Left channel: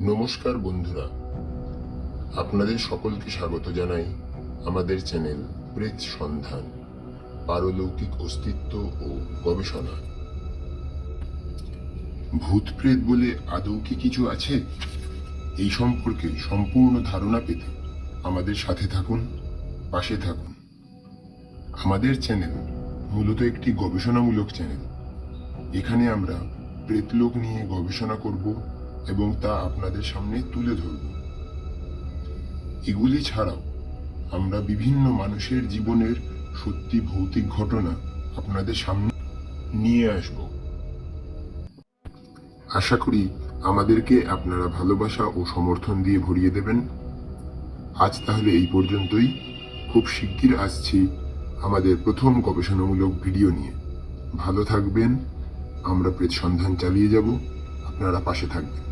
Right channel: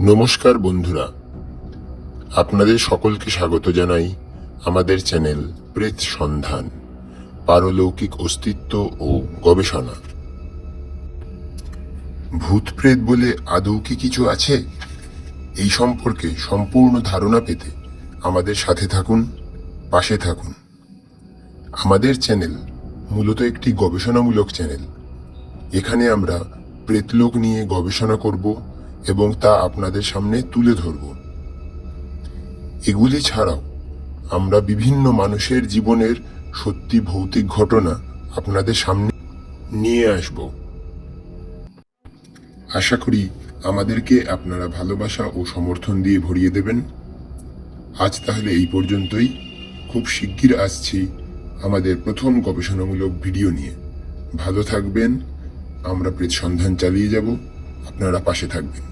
নমস্কার বন্ধুরা, আপনাদের সকলকে স্বাগত জানাই আমাদের চ্যানেল প্রেত সন্ধান, পারলৌকিক অস্তিত্ব ও গবেষণা। ভূত প্রেত বলে আদৌ কি কিছু আছে? এই সম্পর্কে সম্পূর্ণ ধারণা পেতে আমাদের সাথে থাকুন, পাশে থাকুন। আমাদের চ্যানেল মূলত একটি গবেষণামূলক চ্যানেল। এখানে আমরা প্রেতলোক নিয়ে গবেষণা করব এবং তা আপনাদের সামনে তুলে ধরব। এগুলি ছাড়াও আমরা বিভিন্ন মানুষের জীবনের সত্যি ভৌতিক ঘটনা আপনাদের সামনে নিয়ে আসব। আশা করি আমাদেরকে আপনারা ভালোবাসা ও সমর্থন দিয়ে ভরিয়ে দেবেন। আজ তাহলে এই পর্যন্তই। খুব শিগগির আসছি আমাদের প্রথম গবেষণামূলক ভিডিও নিয়ে। ভালো থাকবেন। আমরা প্রেত সন্ধান চালিয়ে যাব, আপনারা পাশে থাকবেন।